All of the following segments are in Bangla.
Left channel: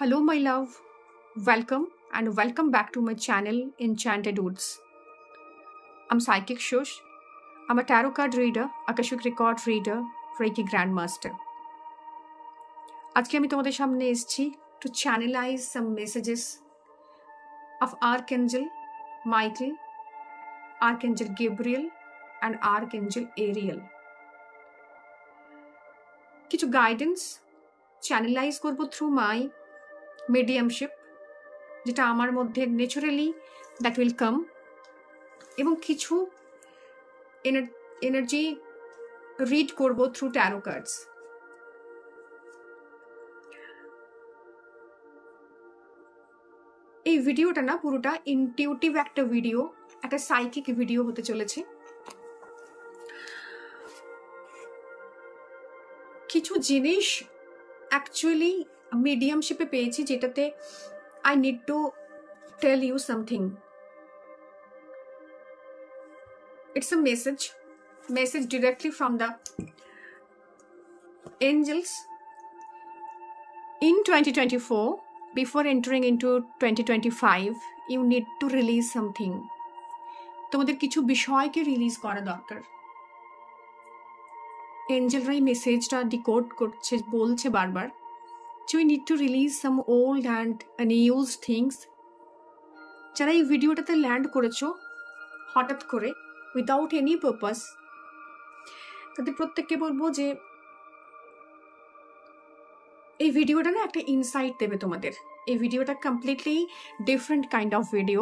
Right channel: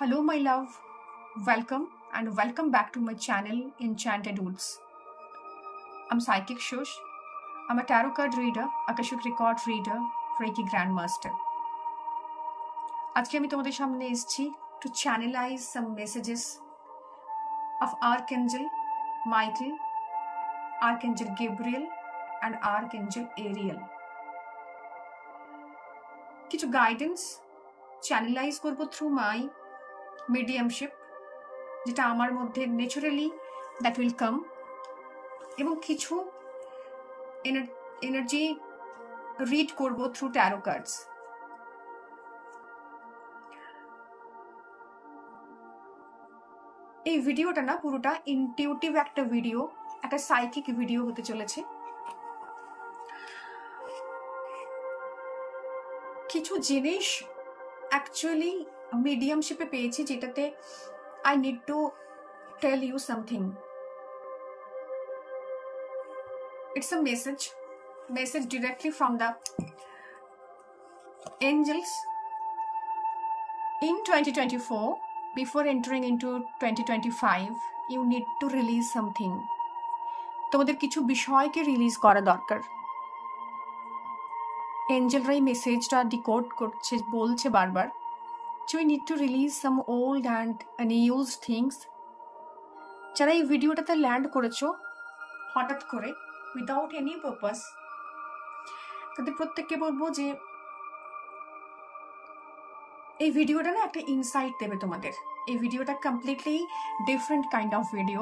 Hello, my love. Welcome and welcome back to my channel, Enchanted Woods. I'm Psychic Shush. I'm a tarot card reader, Akashic record reader, Reiki Grandmaster. আজকে আমি তোমাদের সামনে এসেছি to channelize some messages of Archangel Michael, Archangel Gabriel and Archangel Ariel. কিছু গাইডেন্স চ্যানেলাইজ করব থ্রু মাই মিডিয়ামশিপ, যেটা আমার মধ্যে ন্যাচারালি দ্যাট উইল কাম, এবং কিছু এনার্জি রিড করব থ্রু ট্যারো কার্ডস। এই ভিডিওটা না পুরোটা ইনটিউটিভ একটা ভিডিও, একটা সাইকিক ভিডিও হতে চলেছে। কিছু জিনিস অ্যাকচুয়ালি মিডিয়ামশিপে পেয়েছি, যেটাতে I need to tell you something. It's a message directly from the angels. In 2024, before entering into 2025, you need to release something. তোমাদের কিছু বিষয়কে রিলিজ করা দরকার। এঞ্জেলরা এই মেসেজটা ডিকোড করছে, বলছে বারবার, So we need to release some old and unused things. যারা এই ভিডিওটাতে ল্যান্ড করেছো হঠাৎ করে উইদাউট এনি পারপাস, তাদের প্রত্যেককে বলবো যে এই ভিডিওটা না একটা ইনসাইট দেবে তোমাদের। এই ভিডিওটা completely different kind of video.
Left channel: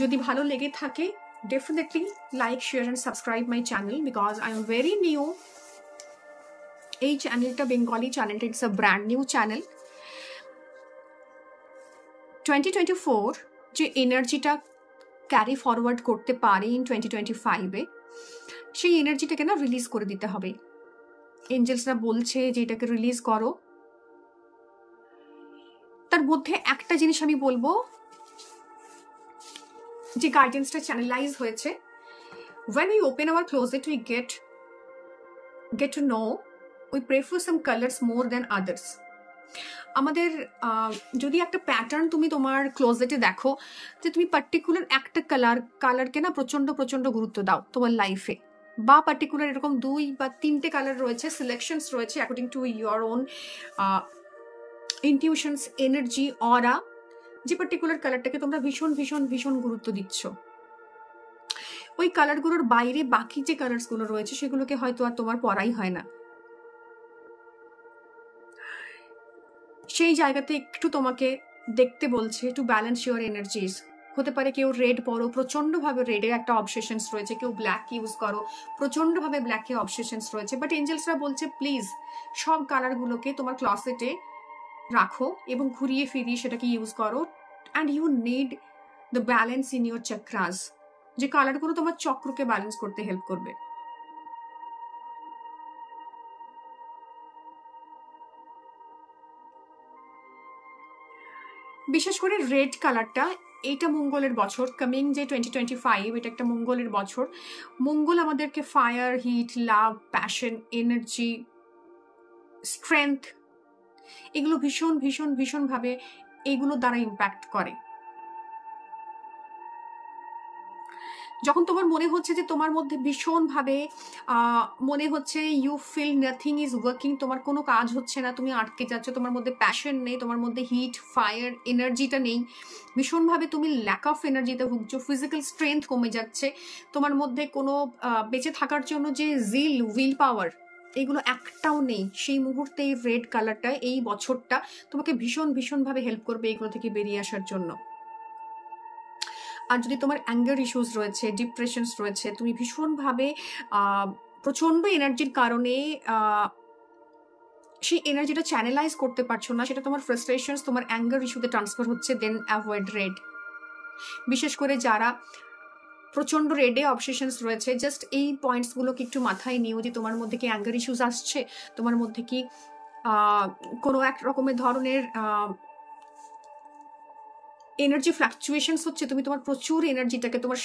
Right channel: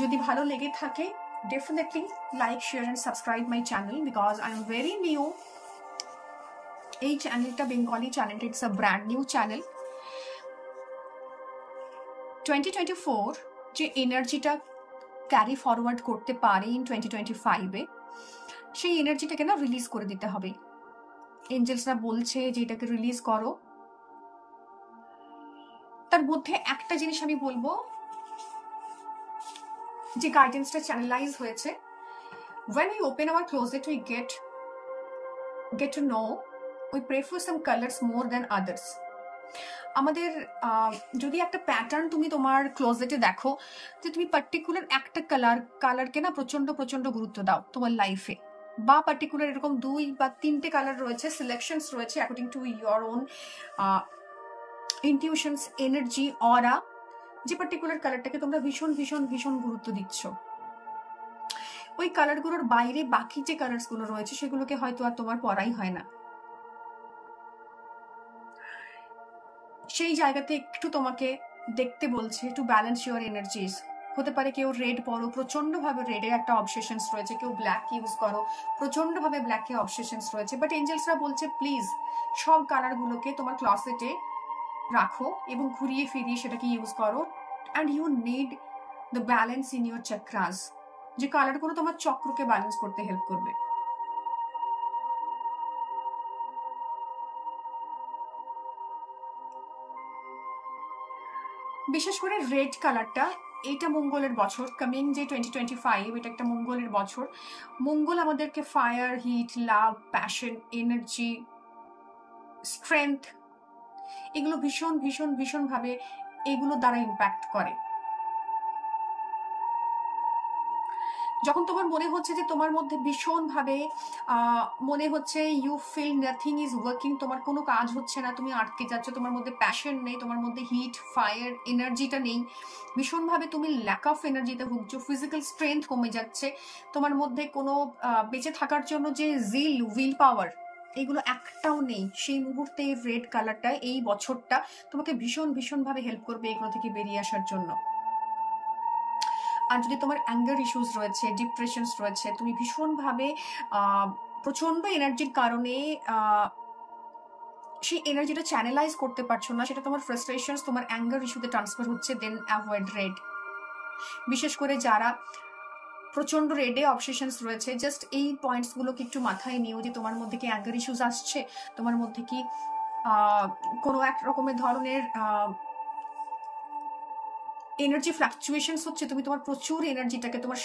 যদি ভালো লেগে থাকে definitely like, share and subscribe my channel, because I am very new. এই চ্যানেলটা বেঙ্গলি চ্যানেলটা, it's a brand new channel. 2024 যে এনার্জিটা ক্যারি ফরওয়ার্ড করতে পারে ইন 2025-এ, সেই এনার্জিটাকে না রিলিজ করে দিতে হবে। এঞ্জেলসরা বলছে যে এটাকে রিলিজ করো। তার মধ্যে একটা জিনিস আমি বলবো, যে গাইডেন্সটা চ্যানেলাইজ হয়েছে, when we open our closet we get to know we prefer some colors more than others. আমাদের যদি একটা প্যাটার্ন তুমি তোমার ক্লোজেটে দেখো, যে তুমি পার্টিকুলার একটা কালারকে না প্রচন্ড গুরুত্ব দাও তোমার লাইফে, বা পার্টিকুলার এরকম 2 বা 3টে কালার রয়েছে, সিলেকশনস রয়েছে according to your own intuitions, energy, aura, যে পার্টিকুলার কালারটাকে তোমরা ভীষণ গুরুত্ব দিচ্ছ, ওই কালারগুলোর বাইরে বাকি যে কালারসগুলো রয়েছে সেগুলোকে হয়তো আর তোমার পড়াই হয় না। সেই জায়গাতে একটু তোমাকে দেখতে বলছে টু ব্যালেন্স ইউর এনার্জিজ। হতে পারে কেউ রেড পরো, প্রচন্ডভাবে রেডের একটা অবসেশনস রয়েছে, কেউ ব্ল্যাক ইউজ করো, প্রচন্ডভাবে ব্ল্যাকে অবসেশনস রয়েছে, বাট এঞ্জেলসরা বলছে প্লিজ সব কালারগুলোকে তোমার ক্লসেটে রাখো এবং ঘুরিয়ে ফিরিয়ে সেটাকে ইউজ করো। And you need the balance in your chakras, যে কালারগুলো তোমার চক্রকে ব্যালেন্স করতে হেল্প করবে। বিশেষ করে রেড কালারটা, এইটা মঙ্গলের বছর, কামিং যে 2025, এটা একটা মঙ্গলের বছর। মঙ্গল আমাদেরকে ফায়ার, হিট, লাভ, প্যাশন, এনার্জি, স্ট্রেংথ, এগুলো ভীষণ ভাবে এগুলো দ্বারা ইম্প্যাক্ট করে। যখন তোমার মনে হচ্ছে যে তোমার মধ্যে ভীষণভাবে মনে হচ্ছে you feel nothing is working, তোমার কোনো কাজ হচ্ছে না, তুমি আটকে যাচ্ছ, তোমার মধ্যে প্যাশন নেই, তোমার মধ্যে হিট, ফায়ার, এনার্জিটা নেই, ভীষণভাবে তুমি ল্যাক অফ এনার্জিতে ভুগছো, ফিজিক্যাল স্ট্রেংথ কমে যাচ্ছে, তোমার মধ্যে কোনো বেঁচে থাকার জন্য যে জিল, উইল পাওয়ার, এগুলো একটাও নেই, সেই মুহূর্তে এই রেড কালারটা, এই বছরটা তোমাকে ভীষণভাবে হেল্প করবে এগুলো থেকে বেরিয়ে আসার জন্য। আর যদি তোমার অ্যাঙ্গার ইস্যুস রয়েছে, ডিপ্রেশনস রয়েছে, তুমি ভীষণভাবে প্রচন্ড এনার্জির কারণে সেই এনার্জিটা চ্যানেলাইজ করতে পারছো না, সেটা তোমার ফ্রাস্ট্রেশনস, তোমার অ্যাঙ্গার ইস্যুতে ট্রান্সফার হচ্ছে, দেন অ্যাভয়েড রেড। বিশেষ করে যারা প্রচন্ড রেডে অবসেশনস রয়েছে, জাস্ট এই পয়েন্টসগুলোকে একটু মাথায় নিও, যে তোমার মধ্যে কি অ্যাঙ্গার ইস্যুস আসছে, তোমার মধ্যে কি কোনো এক রকমের ধরনের এনার্জি ফ্লাকচুয়েশনস হচ্ছে, তুমি তোমার প্রচুর এনার্জিটাকে, তোমার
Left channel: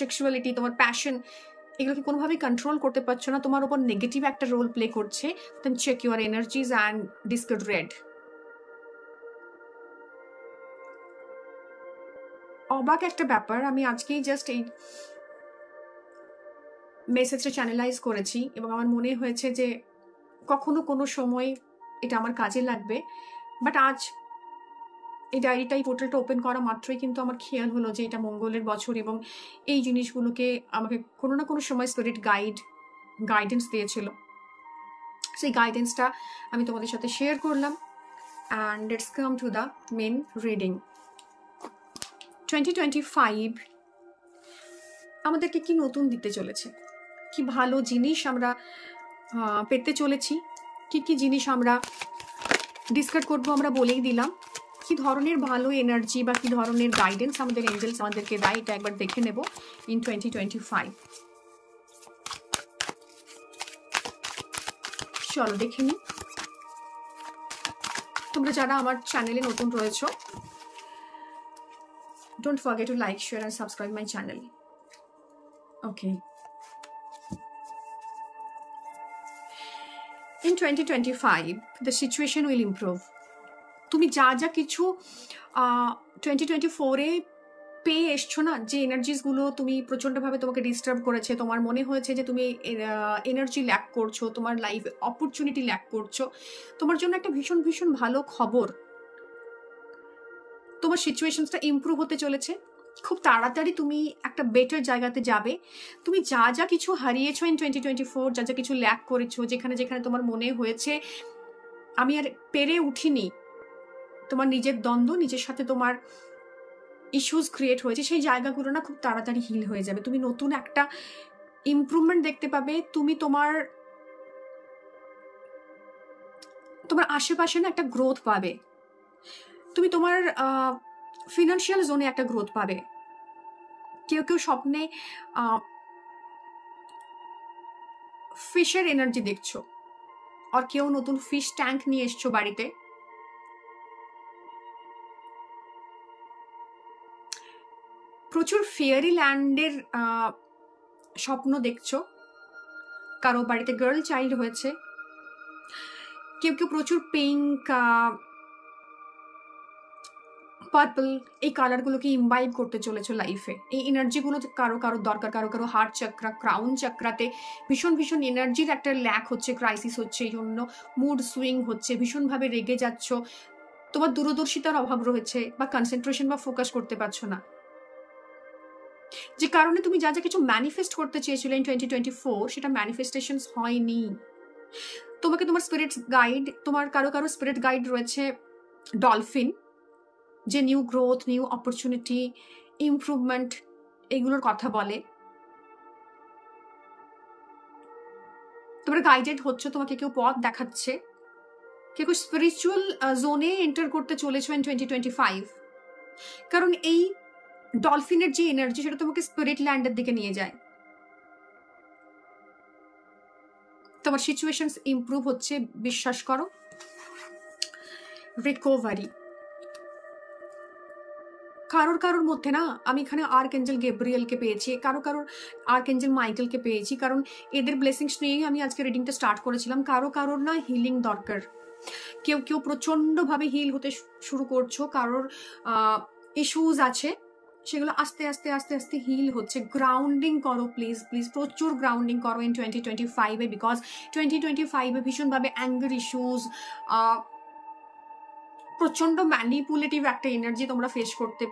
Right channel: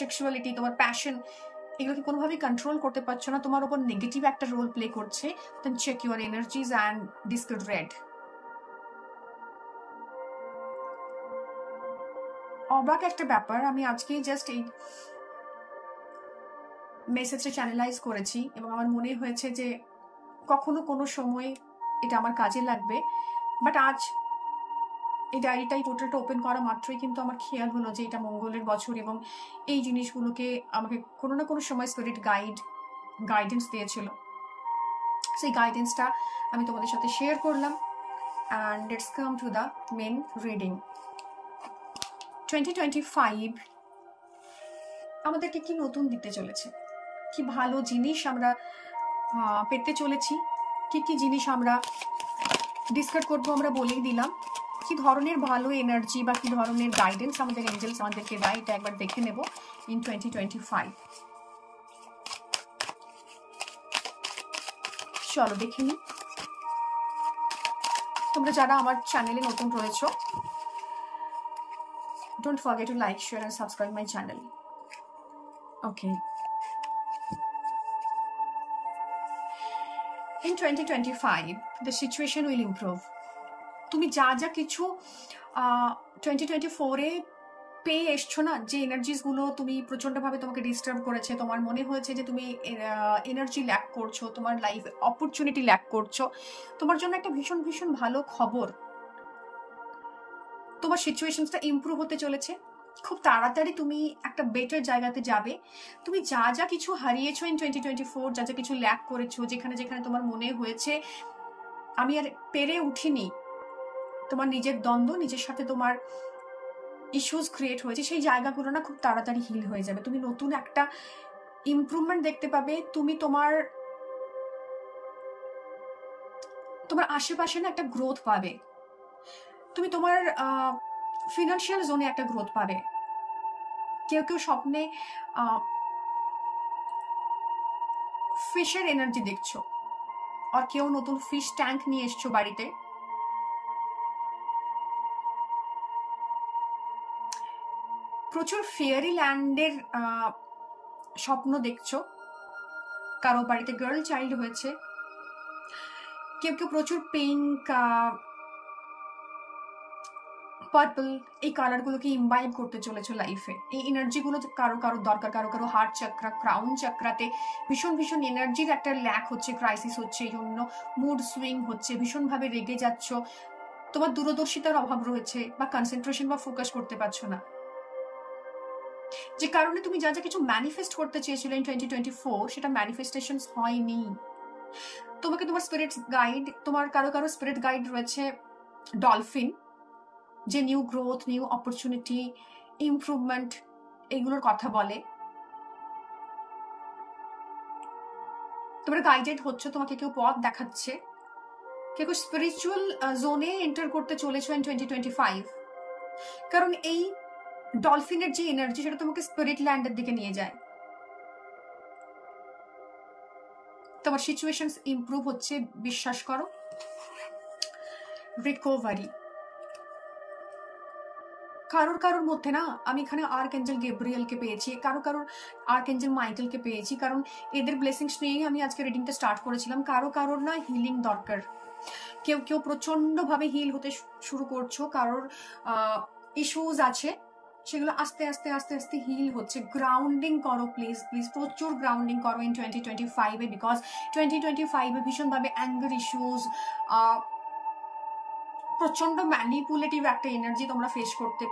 সেক্সুয়ালিটি, তোমার প্যাশন, এগুলোকে কোনোভাবেই কন্ট্রোল করতে পারছো না, তোমার উপর নেগেটিভ একটা রোল প্লে করছে, then check your energies and discard red. অবাক একটা ব্যাপার, আমি আজকেই জাস্ট এই মেসেজটা চ্যানেলাইজ করেছি এবং আমার মনে হয়েছে যে কখনো কোনো সময় এটা আমার কাজে লাগবে। বাট আজ এই ডায়েরিটা, এই পোর্টালটা ওপেন করা মাত্রই কিন্তু আমার খেয়াল হলো যে এটা মঙ্গলের বছর এবং এই জিনিসগুলোকে আমাকে কোনো না কোনো সময় স্পিরিট গাইডেন্স দিয়েছিল। সেই গাইডেন্সটা আমি তোমাদের সাথে শেয়ার করলাম। And let's come to the main reading. 2025 আমাদেরকে কি নতুন দিতে চলেছে, কি ভালো জিনিস আমরা পেতে চলেছি, কি কি জিনিস আমরা ডিসকাস করবো আমরা বলেই দিলাম। কি ধরনের ভালো এনার্জি বা কি ধরনের গাইডেন্স আমাদের এঞ্জেলস আমাদেরকে দেয় এটা একবার দেখে নেব ইন 2025। চলো দেখে নিই। তোমরা যারা আমার চ্যানেলে নতুন রয়েছো, don't forget to like, share and subscribe my channel. Okay, in 2025 the situation will improve. তুমি যা যা কিছু 2024-এ পেয়ে এসছো না, যে এনার্জিসগুলো তুমি প্রচণ্ডভাবে তোমাকে ডিস্টার্ব করেছে, তোমার মনে হয়েছে যে তুমি এনার্জি ল্যাক করছো, তোমার লাইফে অপরচুনিটি ল্যাক করছো, তোমার জন্য একটা ভীষণ ভীষণ ভালো খবর। তোমার সিচুয়েশনসটা ইমপ্রুভ হতে চলেছে। খুব তাড়াতাড়ি তুমি একটা বেটার জায়গাতে যাবে। তুমি যা যা কিছু হারিয়েছো ইন 2024, যা যা কিছু ল্যাক করেছো, যেখানে যেখানে তোমার মনে হয়েছে আমি আর পেরে উঠিনি, তোমার নিজের দ্বন্দ্ব, নিজের সাথে তোমার ইস্যুস ক্রিয়েট হয়েছে, সেই জায়গাগুলো না খুব তাড়াতাড়ি হিল হয়ে যাবে। তুমি নতুন একটা ইমপ্রুভমেন্ট দেখতে পাবে। তুমি তোমার আশেপাশে না একটা গ্রোথ পাবে। তুমি তোমার ফিনান্সিয়াল জোনে একটা গ্রোথ পাবে। কেউ কেউ স্বপ্নে ফিশের এনার্জি দেখছো, আর কেউ নতুন ফিশ ট্যাঙ্ক নিয়ে এসছো বাড়িতে। প্রচুর ফেয়ারি ল্যান্ডের স্বপ্ন দেখছো। কারো বাড়িতে গার্ল চাইল্ড হয়েছে। কেউ কেউ প্রচুর পিঙ্ক, পার্পল এই কালারগুলোকে ইমবাইব করতে চলেছো লাইফে। এই এনার্জিগুলো কারো কারো দরকার। কারো কারো হার্ট চক্রা, ক্রাউন চক্রাতে ভীষণ ভীষণ এনার্জির একটা ল্যাক হচ্ছে, ক্রাইসিস হচ্ছে, এই জন্য মুড সুইং হচ্ছে, ভীষণভাবে রেগে যাচ্ছ, তোমার দূরদর্শিতার অভাব রয়েছে বা কনসেন্ট্রেশন বা ফোকাস করতে পারছো না, যে কারণে তুমি যা যা কিছু ম্যানিফেস্ট করতে চেয়েছিলে ইন 2024 সেটা ম্যানিফেস্টেশন হয়নি। তোমাকে তোমার স্পিরিট গাইড, তোমার কারো কারো স্পিরিট গাইড রয়েছে ডলফিন, যে new growth, new opportunity, improvement এগুলোর কথা বলে। তোমরা গাইডেড হচ্ছে, তোমাকে কেউ পথ দেখাচ্ছে, কেউ স্পিরিচুয়াল জোনে এন্টার করতে চলেছো ইন 2025। কারণ এই ডলফিনের যে এনার্জি সেটা তোমাকে স্পিরিট ল্যান্ডের দিকে নিয়ে যায়। তোমার সিচুয়েশন ইমপ্রুভ হচ্ছে, বিশ্বাস করো। রিকভারি কারোর কারোর মধ্যে না, আমি এখানে আর্কএঞ্জেল গেব্রিয়েলকে পেয়েছি, কারোর আর্কএঞ্জেল মাইকেলকে পেয়েছি, কারণ এদের ব্লেসিংস নিয়েই আমি আজকে রিডিংটা স্টার্ট করেছিলাম। কারোর না হিলিং দরকার। কেউ কেউ প্রচন্ডভাবে হিল হতে শুরু করছো, কারোর ইস্যুজ আছে, সেগুলো আস্তে আস্তে আস্তে আস্তে হিল হচ্ছে। গ্রাউন্ডিং করো প্লিজ প্লিজ, প্রচুর গ্রাউন্ডিং করো ইন 2025-এ, বিকজ 2025-এ ভীষণভাবে অ্যাঙ্গার ইস্যুজ, প্রচন্ড ম্যানিপুলেটিভ একটা এনার্জি তোমরা ফেস করতে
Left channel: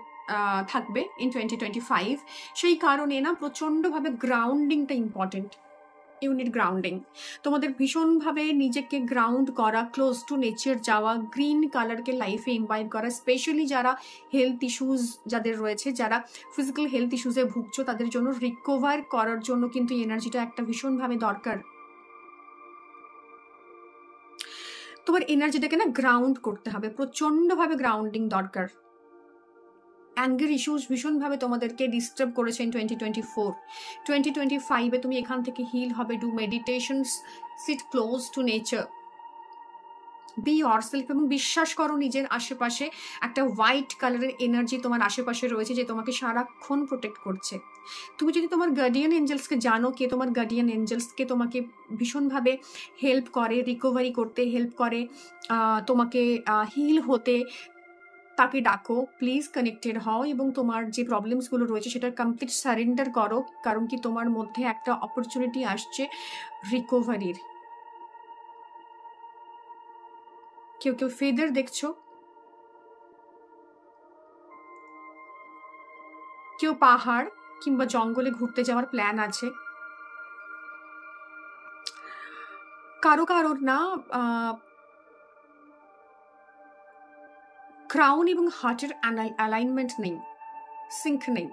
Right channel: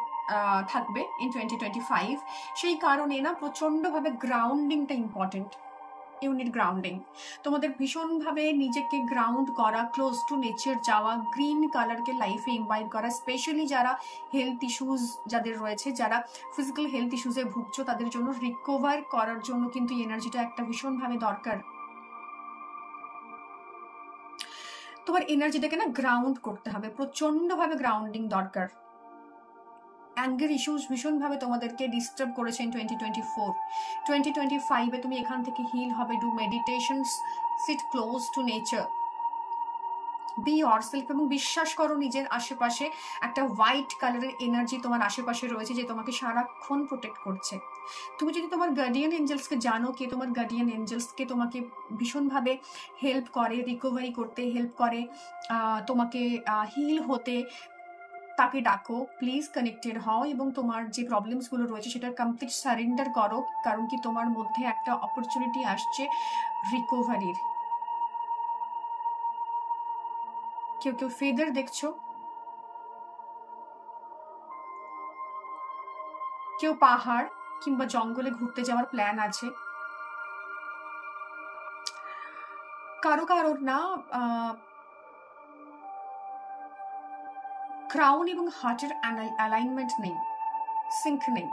থাকবে ইন 2025। সেই কারণে না প্রচন্ডভাবে গ্রাউন্ডিংটা ইম্পর্টেন্ট। ইউনিট গ্রাউন্ডিং, তোমাদের ভীষণভাবে নিজেকে গ্রাউন্ড করা, ক্লোজ টু নেচার যাওয়া, গ্রিন কালারকে লাইফে ইনভাইট করা। স্পেশালি যারা হেলথ ইস্যুজ যাদের রয়েছে, যারা ফিজিক্যাল হেলথ ইস্যুজে ভুগছো, তাদের জন্য রিকভার করার জন্য কিন্তু এনার্জিটা একটা ভীষণভাবে দরকার। তোমার এনার্জিটাকে না গ্রাউন্ড করতে হবে, প্রচন্ডভাবে গ্রাউন্ডিং দরকার। অ্যাঙ্গার ইস্যুস ভীষণভাবে তোমাদেরকে ডিস্টার্ব করেছে ইন 2024। 2025-এ তুমি এখান থেকে হিল হবে। Do meditations, sit close to nature, be yourself, এবং বিশ্বাস করো নিজের আশেপাশে একটা হোয়াইট কালারের এনার্জি তোমার আশেপাশে রয়েছে যে তোমাকে সারাক্ষণ প্রোটেক্ট করছে। তুমি যদি তোমার গার্ডিয়ান এঞ্জেলসকে জানো, কে তোমার গার্ডিয়ান এঞ্জেলসকে তোমাকে ভীষণভাবে হেল্প করে, রিকভারি করতে হেল্প করে, তোমাকে হিল হতে, তাকে ডাকো, প্লিজ কানেক্টেড হও এবং তোমার যে প্রবলেমসগুলো রয়েছে সেটার কমপ্লিট সারেন্ডার করো, কারণ কি তোমার মধ্যে একটা অপরচুনিটি আসছে রিকভারির। কেউ কেউ ফেদার দেখছো, কেউ পাহাড় কিংবা জঙ্গলে ঘুরতে যাওয়ার প্ল্যান আছে, কারো কারোর না ক্রাউন এবং হার্টের অ্যালাইনমেন্ট নেই, সিঙ্ক নেই।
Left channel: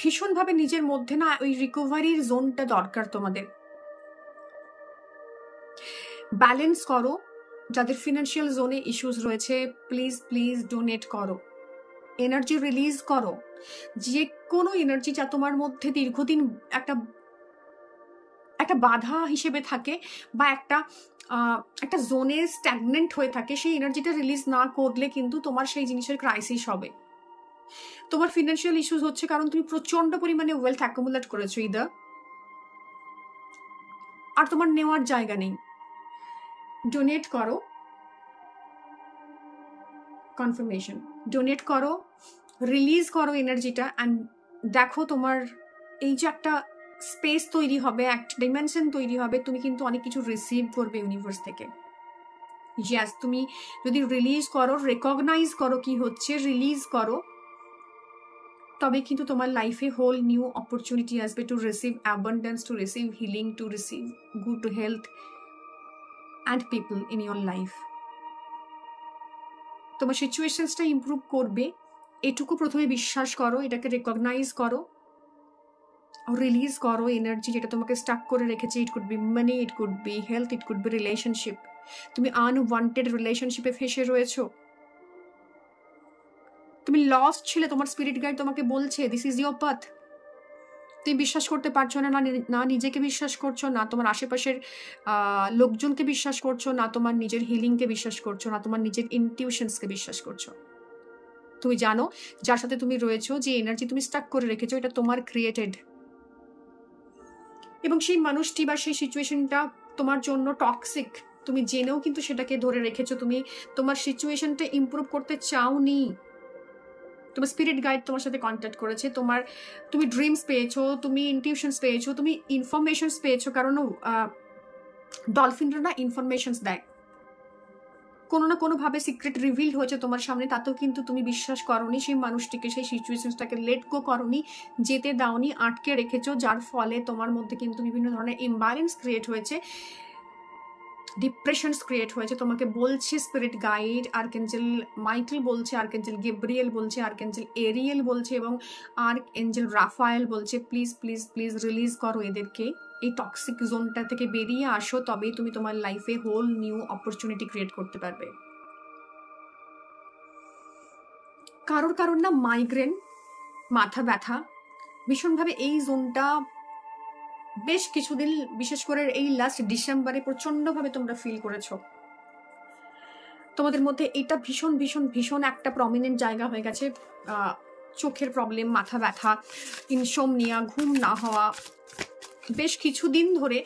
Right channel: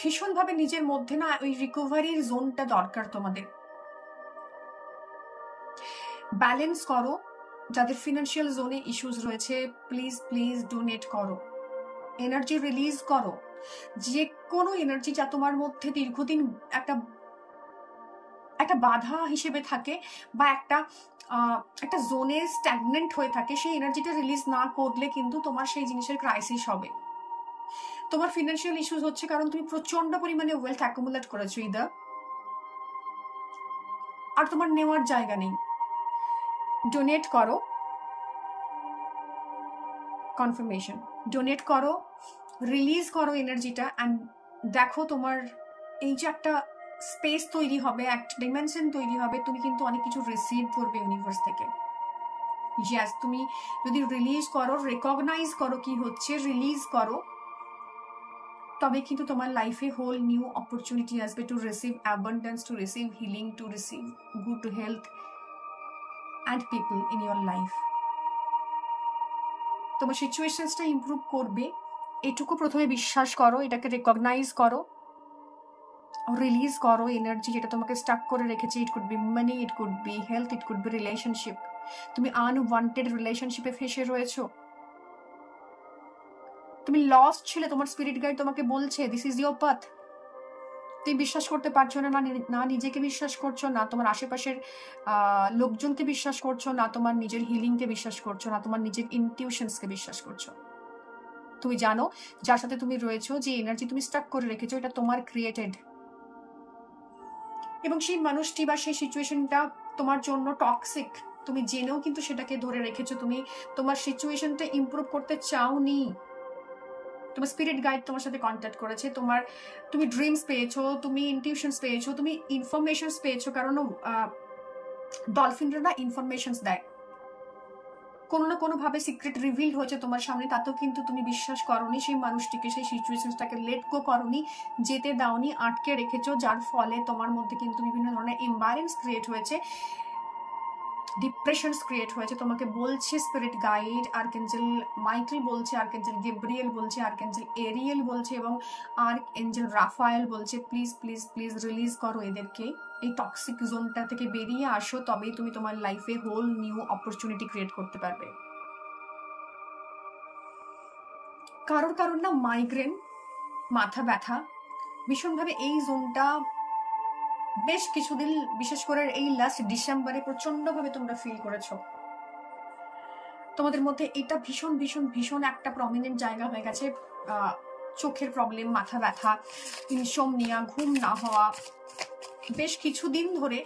ভীষণভাবে নিজের মধ্যে না ওই রিকভারির জোনটা দরকার তোমাদের। ব্যালেন্স করো, যাদের ফিনান্সিয়াল জোনে ইস্যুস রয়েছে প্লিজ প্লিজ ডোনেট করো, এনার্জি রিলিজ করো। যে কোনো এনার্জি যা তোমার মধ্যে দীর্ঘদিন একটা বাধা হিসেবে থাকে বা একটা জোনে স্ট্যাগনেন্ট হয়ে থাকে, সেই এনার্জিটা রিলিজ না করলে কিন্তু তোমার সেই জিনিসের ক্রাইসিস হবে। তোমার ফিনান্সিয়াল ইস্যুস হচ্ছে কারণ তুমি প্রচন্ড পরিমাণে ওয়েলথ অ্যাকুমুলেট করেছো ইদার, আর তোমার নেওয়ার জায়গা নেই। ডোনেট করো, কনফার্মেশন, ডোনেট করো, রিলিজ করো এনার্জিটা, অ্যান্ড দেখো তোমার এই যে একটা স্পেস তৈরি হবে, একটা ডিমেনশন তৈরি হবে, তুমি কিন্তু অনেক কিছু রিসিভ করবে ইউনিভার্স থেকে। ইয়াস, তুমি যদি রিলিজ করো, রেকগনাইজ করো কি হচ্ছে, রিলিজ করো, তবে কিন্তু তোমার লাইফে হোল নিউ অপরচুনিটি আসবে to receive abundance, to receive healing, to receive good health and people in your life. তোমার সিচুয়েশনসটা ইমপ্রুভ করবে, এটুকু প্রথমে বিশ্বাস করো, এটাকে রেকগনাইজ করো, রিলিজ করো এনার্জি যেটা তোমাকে স্টাক করে রেখেছে। It could be money, it could be health, it could be relationship. তুমি আনওয়ান্টেড রিলেশনশিপে ফেসে রয়েছো, তুমি লস্ট ছিলে, তোমার স্পিরিট গাইড তোমাকে বলছে দিস ইজ ইয়োর পাথ। তুমি বিশ্বাস করতে পারছো না, না নিজেকে বিশ্বাস করছো, না তোমার আশেপাশের লোকজনকে বিশ্বাস করছো, না তোমার নিজের হিলিংকে বিশ্বাস করছো, না তোমার নিজের ইনটিউশনসকে বিশ্বাস করছো। তুমি জানো যার সাথে তুমি রয়েছো, যে এনার্জি তুমি স্টাক করে রেখেছো, এটা তোমার ক্রিয়েটেড, এবং সেই মানুষটি বা সেই সিচুয়েশনটা তোমার জন্য টক্সিক। তুমি জেনেও কিন্তু সেটাকে ধরে রেখেছো, তুমি তোমার সিচুয়েশনটা ইমপ্রুভ করতে চাওনি। তোমার স্পিরিট গাইড তোমার সাথে কন্ট্যাক্ট করেছে, তুমি ড্রিমস পেয়েছো, তুমি ইনটিউশনস পেয়েছো, তুমি ইনফরমেশনস পেয়েছো, কারণ ডলফিনরা না ইনফরমেশনস দেয়, কোনো না কোনোভাবে সিক্রেট রিভিল হয়েছে তোমার সামনে, তাতেও কিন্তু তুমি বিশ্বাস করোনি সেই মানুষটিকে, সেই সিচুয়েশনসটাকে লেট গো করোনি, যেতে দাওনি, আটকে রেখেছো, যার ফলে তোমার মধ্যে কিন্তু বিভিন্ন ধরনের ইমব্যালেন্স ক্রিয়েট হয়েছে, ডিপ্রেশনস ক্রিয়েট হয়েছে। তোমাকে বলছে স্পিরিট গাইড, আর্কএঞ্জেল মাইকেল বলছে, আর্কএঞ্জেল গেব্রিয়েল বলছে, আর্কএঞ্জেল এরিয়েল বলছে এবং আর্কএঞ্জেল রাফায়েল বলছে, প্লিজ প্লিজ প্লিজ রিলিজ করো এদেরকে, এই টক্সিক জোনটা থেকে বেরিয়ে আসো, তবেই তুমি তোমার লাইফে হোল নিউ অপরচুনিটি ক্রিয়েট করতে পারবে। কারোর না মাইগ্রেন, মাথা ব্যথা ভীষণভাবে এই জোনটা বেশ কিছুদিন, বিশেষ করে এই লাস্ট ডিসেম্বরে প্রচন্ডভাবে তোমরা ফিল করেছো। তোমাদের মধ্যে এটা ভীষণ ভীষণ ভীষণ একটা প্রমিনেন্ট জায়গা হয়ে গেছে। চোখের প্রবলেম, মাথা ব্যথা, ইনসোমনিয়া, ঘুম না হওয়া, বেশ কিছুদিন ধরে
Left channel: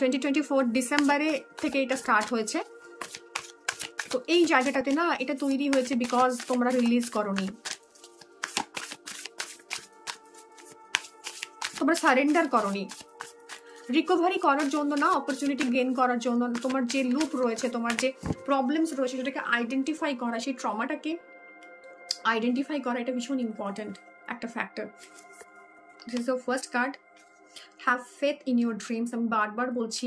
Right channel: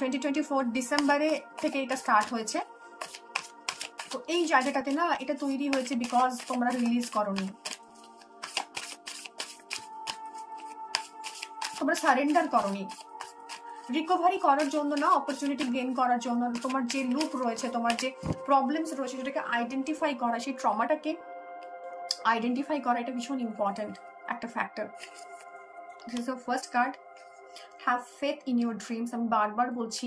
2024 ডিসেম্বরে থেকে এটা স্টার্ট হয়েছে। তো এই জায়গাটাতে না এটা তৈরি হয়েছে বিকজ তোমরা রিলিজ করোনি, তোমরা সারেন্ডার করোনি। রিকভারি করার জন্য না, অপরচুনিটি গেইন করার জন্য, তোমার যে লুপ রয়েছে, তোমার যে প্রবলেমস রয়েছে, সেটাকে আইডেন্টিফাই করা, সেই ট্রমাটাকে আইডেন্টিফাই করা, এটা ভীষণ ইম্পর্টেন্ট একটা factor. This is the first card, have faith in your dreams. আমি বারবার বলছি,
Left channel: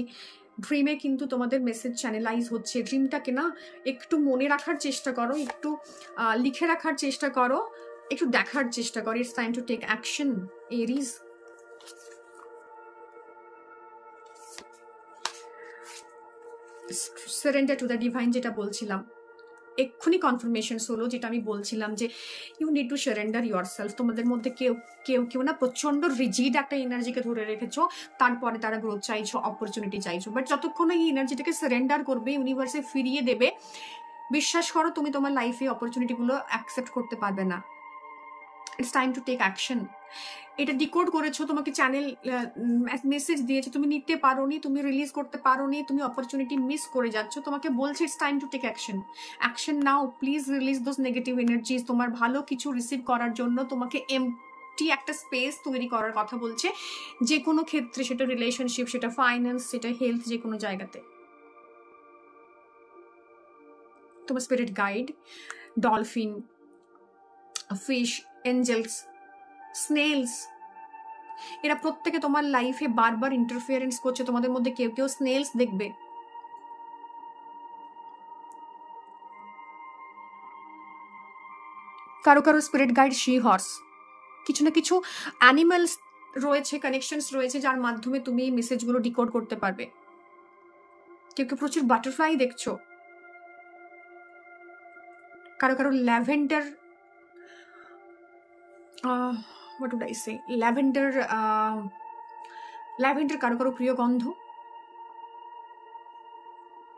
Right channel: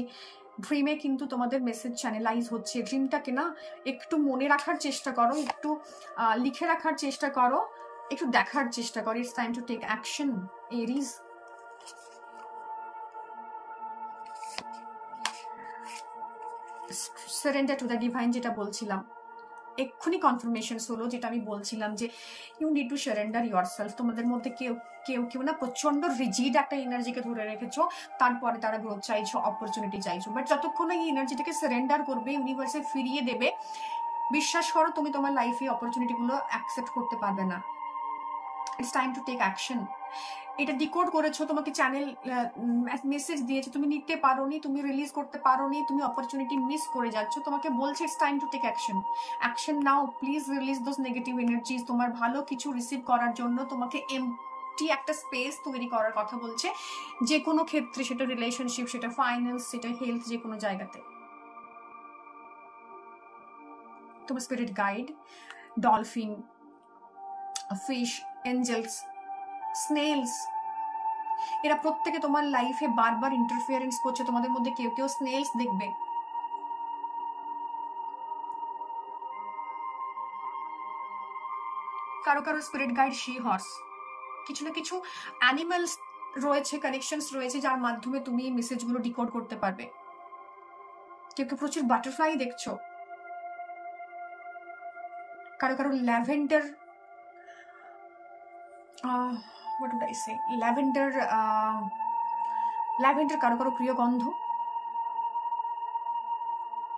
ড্রিমে কিন্তু তোমাদের মেসেজ চ্যানেলাইজ হচ্ছে। ড্রিমটাকে না একটু মনে রাখার চেষ্টা করো, একটু লিখে রাখার চেষ্টা করো, একটু দেখার চেষ্টা করো। It's time to take action arise. Surrender to the divine, যেটা বলছিলাম এক্ষুনি কনফার্মেশন হলো, যেটা আমি বলছিলাম যে you need to surrender yourself. তোমাদের মধ্যে কেউ না প্রচন্ড রিজিড একটা এনার্জিকে ধরে রেখেছো, তারপরে তারা গ্রোথ চাইছো, অপরচুনিটি চাইছো, বাট যতক্ষণ এই এনার্জিটাকে সারেন্ডার করবে, ইউনিভার্সে ফিরিয়ে দেবে, বিশ্বাস করো তুমি তোমার লাইফে অপরচুনিটিগুলো অ্যাকসেপ্ট করতে পারবে না। It's time to take action. এটা ডিকোড করেছো, তোমাকে চ্যানেল মেসেজ দিয়েছে, তুমি নিতে পারোনি, তুমি রিলিজ করতে পারোনি, তুমি অপরচুনিটি মিস করে যাচ্ছ, তোমাকে বলছে it's time to take action. Action now, please release those negative energies. তোমার ভালো কিছু রিসিভ করার জন্য তোমাকে এমটি একটা স্পেস তৈরি করার কথা বলছে, যে কোনো ক্ষেত্রে, সেটা রিলেশনশিপ, সেটা ফাইন্যান্স, সেটা হেলথ, যে কোনো জায়গাতে। তোমার spirit guide, dolphin, fish, angels, snails, এরা প্রত্যেকে তোমার লাইফে বারবার ইন্টারফিয়ারেন্স করছে। তোমাদের মধ্যে কেউ কেউ স্নেলস দেখবে, কারো কারো স্পিরিট গাইড শি হর্স। কিছু না কিছু অ্যানিমালস রয়েছে, কানেকশনস রয়েছে, যার মাধ্যমে তুমি এই মেসেজগুলো ডিকোড করতে পারবে। কেউ কেউ প্রচুর বাটারফ্লাই দেখছো, কারো কারো lavender, what would I say, lavender কারো কারো প্রিয় গন্ধ,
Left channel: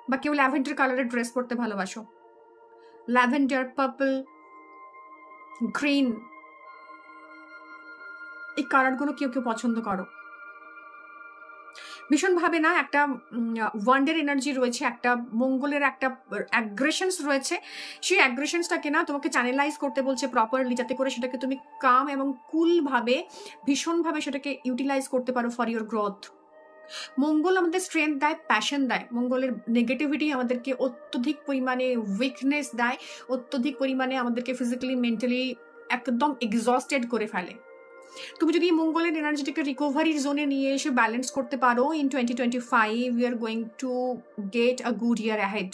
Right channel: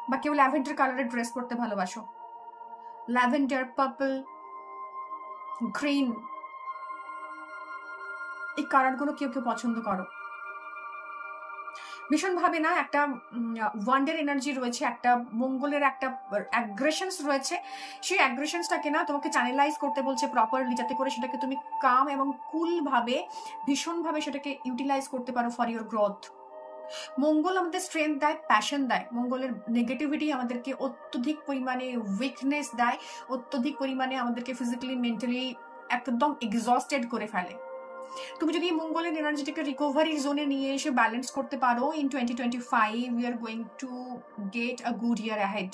বা কেউ ল্যাভেন্ডার কালারের ড্রেস পরতে ভালোবাসো। ল্যাভেন্ডার, পার্পল, গ্রিন, এই কালারগুলো কেউ কেউ পছন্দ করো ভীষণভাবে। না, একটা ওয়ান্ডার এনার্জি রয়েছে, একটা মঙ্গলের একটা অ্যাগ্রেশনস রয়েছে। সেই অ্যাগ্রেশনসটাকে না তোমাকে চ্যানেলাইজ করতে বলছে প্রপারলি, যাতে করে সেটাকে তুমি কাম এবং কুল ভাবে, ভীষণভাবে সেটাকে ইউটিলাইজ করতে পারো ফর ইউর গ্রোথ। মঙ্গল আমাদের স্ট্রেংথ দেয়, প্যাশন দেয়। মঙ্গলের নেগেটিভিটি আমাদেরকে অত্যধিক পরিমাণে উইকনেস দেয়, অত্যধিক পরিমাণে আমাদেরকে ফিজিক্যালি, মেন্টালি একদম এক্সস্টেড করে ফেলে। তুমি যদি মঙ্গলের এনার্জিটাকে রিকভারির জোনে নিয়ে এসে ব্যালেন্স করতে পারো, in 2025 we are going to get a good year ahead.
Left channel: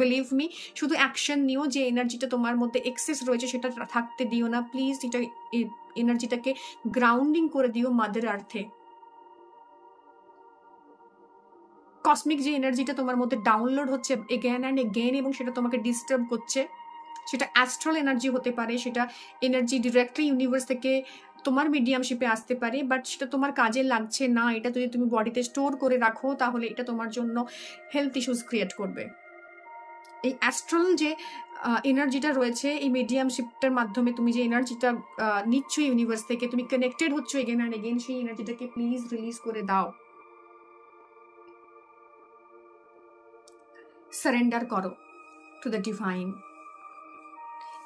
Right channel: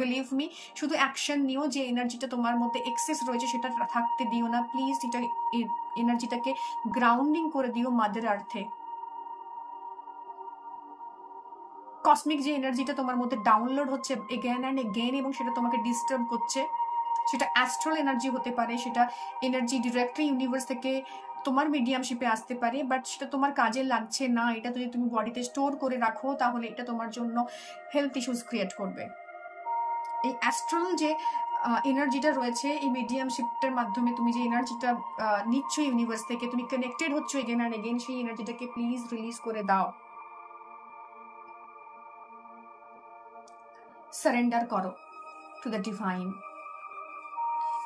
Believe me, শুধু অ্যাকশন নিও। যে এনার্জিটা তোমার মধ্যে এক্সেস রয়েছে সেটা থাকতে দিও না প্লিজ। এটা এনার্জিটাকে গ্রাউন্ডিং করে দিও মাদার আর্থে। কসমিক যে এনার্জিটা তোমার মধ্যে ডাউনলোড হচ্ছে এগেন অ্যান্ড এগেন, এবং সেটা তোমাকে ডিস্টার্ব করছে, সেটা অ্যাস্ট্রাল এনার্জি হতে পারে, সেটা এনার্জি ডিরেক্টলি ইউনিভার্স থেকে তোমার মিডিয়ামশিপে আসতে পারে, বাট সেটা তোমার কাজে লাগছে না। এটা যদি তুমি বডিতে স্টোর করে রাখো, তাহলে এটা তোমার জন্য হেলথ ইস্যুস ক্রিয়েট করবে। এই অ্যাস্ট্রাল যে এনার্জিটা রয়েছে, এই মিডিয়ামশিপটার মাধ্যমে তুমি যে এনার্জিটা নিচ্ছ ইউনিভার্স থেকে, তুমি কানেক্টেড হচ্ছ এগেন অ্যান্ড এগেন, সেই এনার্জিটাকে প্লিজ রিলিজ করে দাও। সারেন্ডার করো টু দ্য ডিভাইন।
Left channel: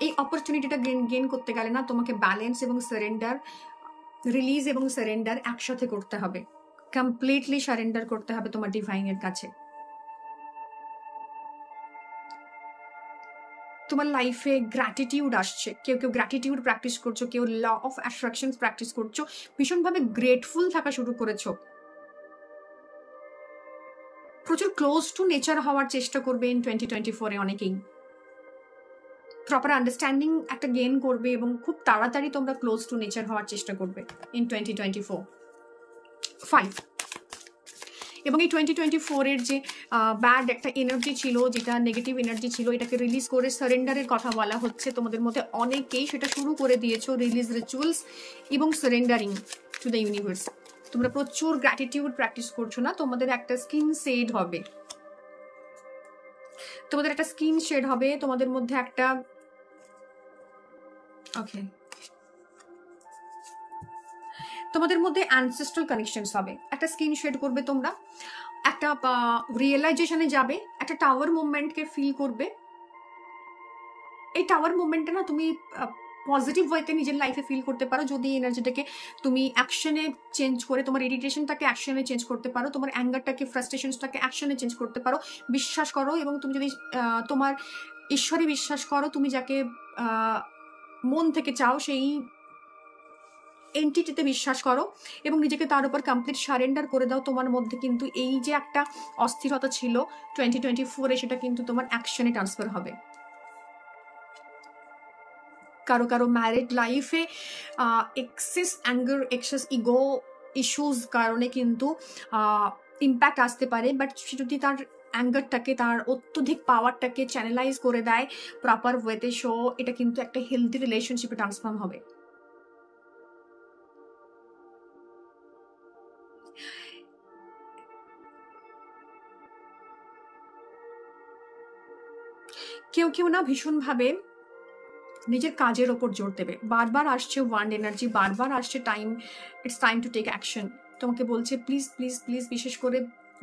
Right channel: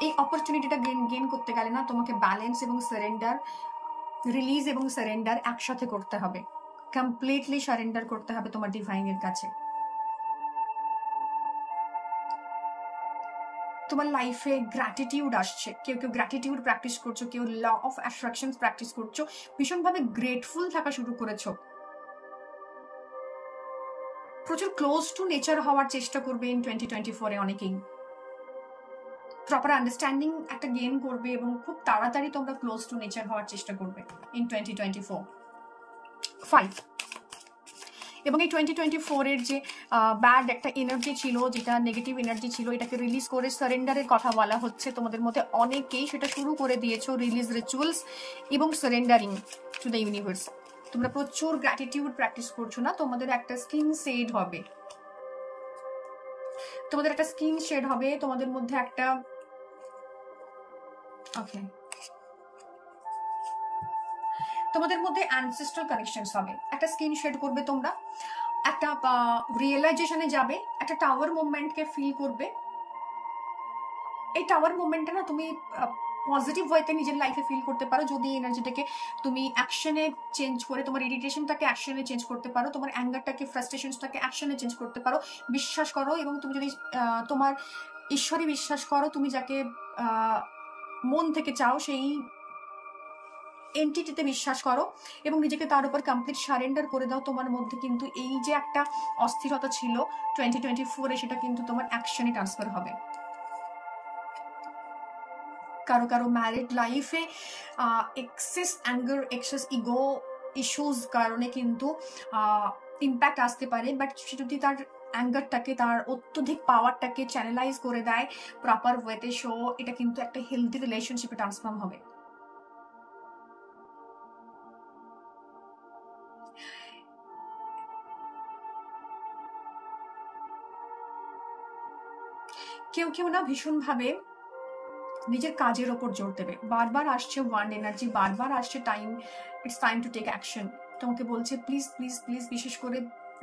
এই অপরচুনিটিটা গেইন করতে গেলে না তোমাকে ব্যালেন্স এবং সারেন্ডার, রিলিজ এবং সারেন্ডার একসাথে করতে হবে। কমপ্লিটলি সারেন্ডার করতে হবে তোমার ডিভাইনের কাছে। তোমার লাইফে গ্র্যাটিটিউড আসছে, কেউ কেউ গ্র্যাটিটিউড প্র্যাকটিস করছো, কেউ ল অফ অ্যাট্রাকশন প্র্যাকটিস করছো, ভীষণভাবে গ্রেটফুল থাকা শুরু করেছো। প্রচুর ক্লোজ টু নেচার হওয়ার চেষ্টা করবে ইন 2024 এ অনেকেই। প্রপার আন্ডারস্ট্যান্ডিং একটা গেইন করবে এবং খুব তাড়াতাড়ি তোমরা ক্লোজ টু নেচার হওয়ার চেষ্টা করবে ইন 2024 এবং এই 2024 এর যে ব্যাড একটা এনার্জি ছিল, যেটা নেগেটিভ এনার্জি ছিল, এটাকে রিলিজ করে সারেন্ডারের কথা বলা হচ্ছে। তোমাদের মধ্যে অনেকেই সেটা শুরু করে দিয়েছো, রিলিজ রিচুয়ালস এবং সারেন্ডারিং টু দ্য ইউনিভার্স। তোমরা প্রচুর গ্র্যাটিটিউড প্র্যাকটিস করছো না, তোমাদের একটা স্কিন শেড হবে, তোমাদের একটা স্কিন শেড হবে, তোমাদের মধ্যে একটা তোমাদের মধ্যে অ্যানসেস্ট্রাল কানেকশনস হবে, একটা স্কিন শেড করবে তোমরা, একটা রিয়েলাইজেশনে যাবে, একটা টাওয়ার মুভমেন্টকে ফিল করবে। এই টাওয়ার মুভমেন্টটা না তুমি পজিটিভ ওয়েতে নিজের লাইফে ফিল করতে পারো যদি এনার্জিটাকে তুমি অ্যাকশনে চেঞ্জ করে, তোমার ইরিটেশনটাকে অ্যাকশনে চেঞ্জ করতে পারো, তোমার অ্যাঙ্গারটাকে, ফ্রাস্ট্রেশনসটাকে অ্যাকশনে চেঞ্জ করতে পারো। বিশ্বাস করো, এবং তুমি যদি তোমার ঈশ্বরে বিশ্বাস করো, তুমি যাকে মন থেকে চাও সেই এন্টিটিতে বিশ্বাস করো এবং নিজেকে তার উপর কমপ্লিট সারেন্ডার করে দাও, তোমার মধ্যে কিন্তু এই যে একটা অস্থিরতা ছিল 2024 এ, সেটা কিন্তু তোমার অ্যাকশনে ট্রান্সফার হবে। কারো কারো ম্যারিড লাইফে excess anger, excess ego issues কারণে কিন্তু ইম্প্যাক্ট আসতে পারে, বাট সে যদি তার অ্যাঙ্গারটাকে, তার অত্যধিক পাওয়ারটাকে চ্যানেলাইজ করে দেয় প্রপার ওয়েতে, সো এটা কিন্তু একটা হেলদি রিলেশনশিপে ট্রান্সফর্ম হবে। কেউ কেউ না ভীষণভাবে নিজের কাজের ওপর জোর দেবে। বারবার আসছে ওয়ান্ড এনার্জি, বারবার আসছে time, it's time to take action. তোমাকে বলছে প্লিজ প্লিজ প্লিজ, বিশেষ করে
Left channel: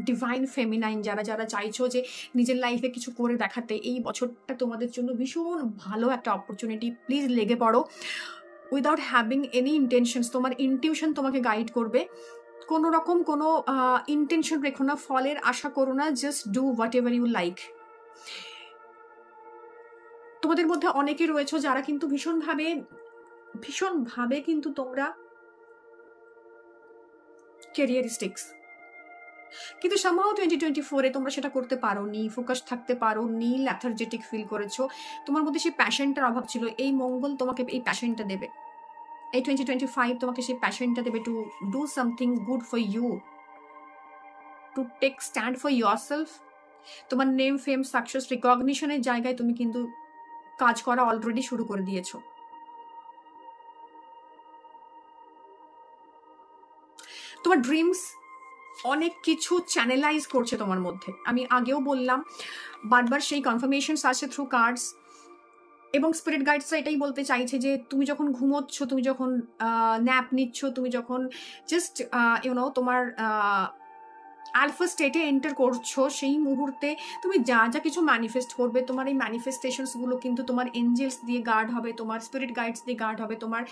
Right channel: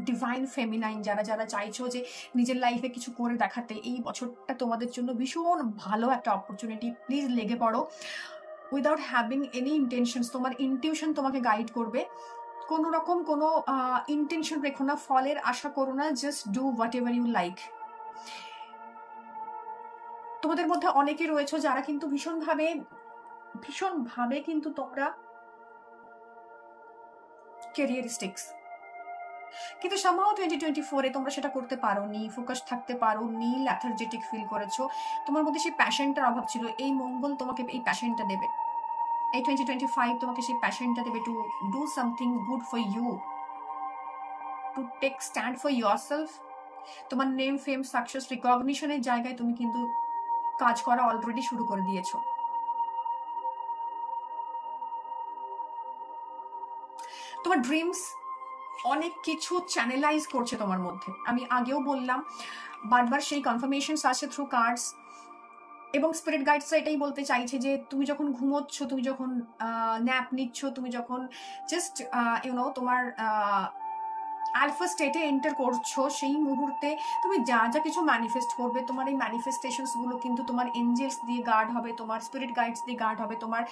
ডিভাইন ফেমিনাইন যারা যারা চাইছো যে নিজের লাইফে কিছু করে দেখাতে, এই বছরটা তোমাদের জন্য ভীষণ ভালো একটা অপরচুনিটি। প্লিজ লেগে পড়ো উইদাউট হ্যাভিং এনি ইন্টেনশনস। তোমার ইনটিউশন তোমাকে গাইড করবে। কোনো রকম কোনো ইন্টেনশন রেখো না, ফলের আশা করো না, just do whatever you like. তোমাদের মধ্যে অনেকে রয়েছে যারা কিন্তু ভীষণভাবে কিন্তু তোমরা ক্যারিয়ারিস্টিক্স, কিন্তু সামহাও 2024-এ তোমরা সেটা করতে পারোনি, ফোকাস থাকতে পারোনি, ল্যাথার্জেটিক ফিল করেছো। তোমার মধ্যে সেই প্যাশনটার অভাব ছিল। এই মঙ্গল তোমাকে এই প্যাশনটা দেবে, এই 2025 তোমাকে সেই প্যাশনটা দেবে to do something good for you, to take stand for yourself. তোমার নেম, ফেম, সাকসেস, রিকগনিশনের জায়গায় তুমি কিন্তু কাজ করা অলরেডি শুরু করে দিয়েছো। তোমার ড্রিমস অনেক কিছু চ্যানেলাইজ করছে তোমার মধ্যে। আমি আগেও বললাম, বারবার সেই কনফার্মেশন আসছে থ্রু কার্ডস, এবং স্পিরিট গাইডসরা এটাই বলতে চাইছে যে তুমি যখন ঘুমোচ্ছ, তুমি যখন ন্যাপ নিচ্ছ, তুমি যখন জাস্ট তোমার আলফা স্টেটে এন্টার করছো, সেই মুহূর্তে তুমি যা যা কিছু ম্যানিফেস্ট করবে, তোমার এই ম্যানিফেস্টেশনস গুলো কিন্তু তোমার এঞ্জেলস দিয়ে গার্ড হবে, তোমার স্পিরিট গাইডস দিয়ে গার্ড হবে, তোমার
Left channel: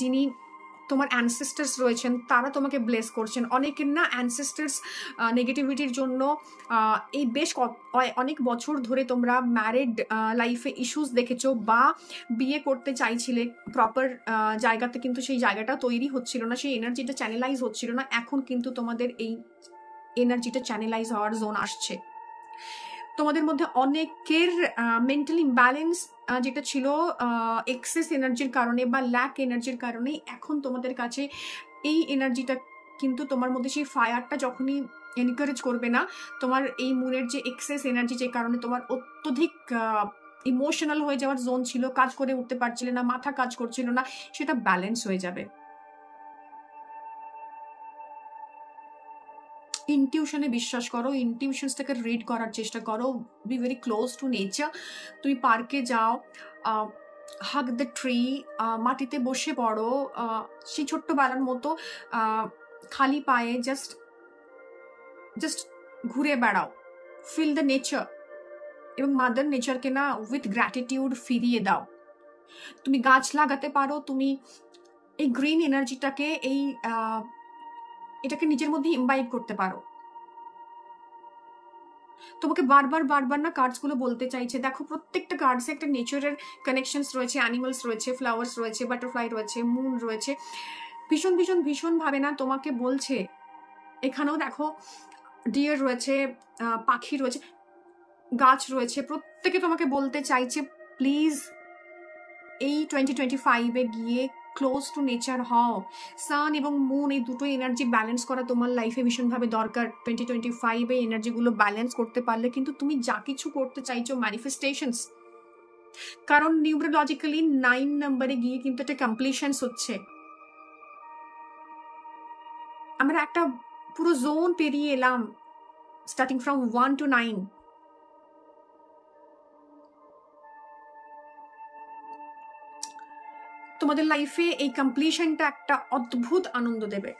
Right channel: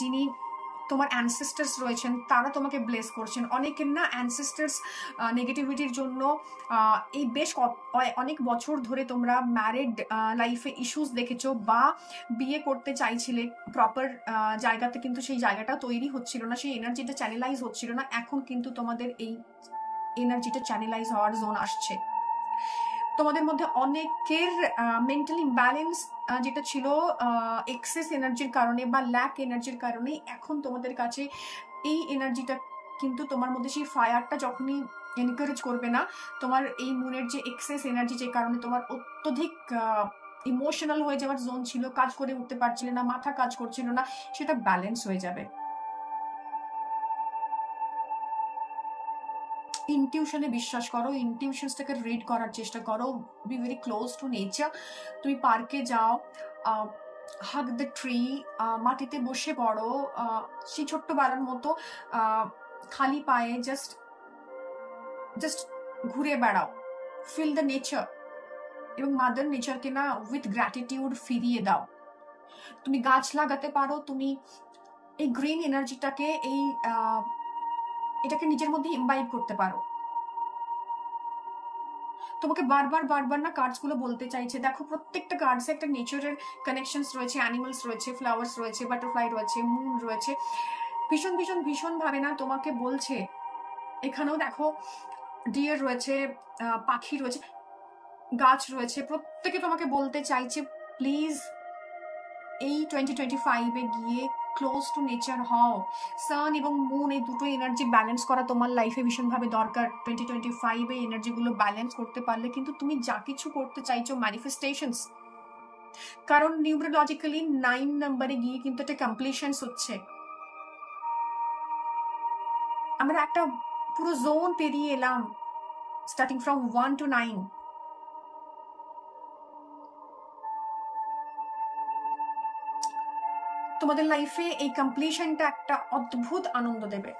যিনি তোমার অ্যানসেস্টার্স রয়েছেন তারা তোমাকে ব্লেস করছেন। অনেকের না অ্যানসেস্টার্স নেগেটিভিটির জন্য এই বেশ অনেক বছর ধরে তোমরা ম্যারিড লাইফে ইস্যুস দেখেছো, বা বিয়ে করতে চাইছিলে প্রপার জায়গাতে, কিন্তু সেই জায়গাটা তৈরি হচ্ছিল না, সেই এনার্জিটা চ্যানেলাইজ হচ্ছিল না। এখন কিন্তু তোমাদের এই এনার্জিটা চ্যানেলাইজ হওয়ার জোন আসছে। তোমাদের মধ্যে অনেকের মেন্টাল ইমব্যালেন্স যেটা ছিল এক্সেস এনার্জির কারণে বা ল্যাক এনার্জির কারণে, এখন তোমাদের কাছে এই এনার্জিটা কিন্তু তোমার মধ্যে সেই ফায়ারটা যখনই এনকারেজ করবে না, তোমার এই মুনের যে এক্সেস এনার্জি, যে কারণে তোমার অত্যধিক ইমোশনাল হয়ে যাওয়ার জোন ছিল, কাজ করে উঠতে পারছিলে না, মাথা কাজ করছিল না, সেটা ব্যালেন্স হয়ে যাবে। ইনটিউশনে বিশ্বাস করো, ইনটিউশনস থেকে রিড করার চেষ্টা করো, be very close to nature. তুমি পার্কে যাও, হাগ দ্য ট্রি, মাটিতে বসে পড়ো, সেই ছোট্টবেলার মতো খালি পায়ে জাস্ট ঘুরে বেড়াও, ফিল দ্য নেচার, এবং মাদার নেচারকে না উইথ গ্র্যাটিটিউড ফিরিয়ে দাও। তুমি গাছ লাগাতে পারো, তুমি এই গ্রিন এনার্জিটাকে এটাকে নিজের মধ্যে ইমবাইব করতে পারো। তোমাকে বারবার বারবার না কার্ডস গুলো বলতে চাইছে, দেখো প্রত্যেকটা কার্ডসে একটা নেচারের কানেকশনস রয়েছে, অ্যানিমালস রয়েছে, ফ্লাওয়ার্স রয়েছে, বাটারফ্লাই রয়েছে, মুন রয়েছে, ভীষণ ভীষণ ভীষণ ভাবে না তোমাকে বলছে। এখানেও দেখো ডিয়ার রয়েছে, পাখি রয়েছে, গাছ রয়েছে, প্রত্যেকে তোমাকে বলতে চাইছে প্লিজ এই 2025-এ গিয়ে ক্লোজ টু নেচার হও। সান এবং মুন এই দুটো এনার্জি ব্যালেন্স করা তোমার লাইফে ভীষণভাবে দরকার। 2025-এ এনার্জিগুলো ব্যালেন্স করতে পারলে কিন্তু তুমি যা কিছু করতে চাইছো ম্যানিফেস্টেশনস, কারণ নিউমেরোলজিক্যালি 9 নম্বরে গিয়ে কিন্তু একটা কমপ্লিশনস হচ্ছে। আমরা একটা পুরো জোন পেরিয়ে এলাম, স্টার্টিং ফ্রম 1 to 9। তোমাদের লাইফে এই কমপ্লিশনটা একটা অদ্ভুত আনন্দ দেবে।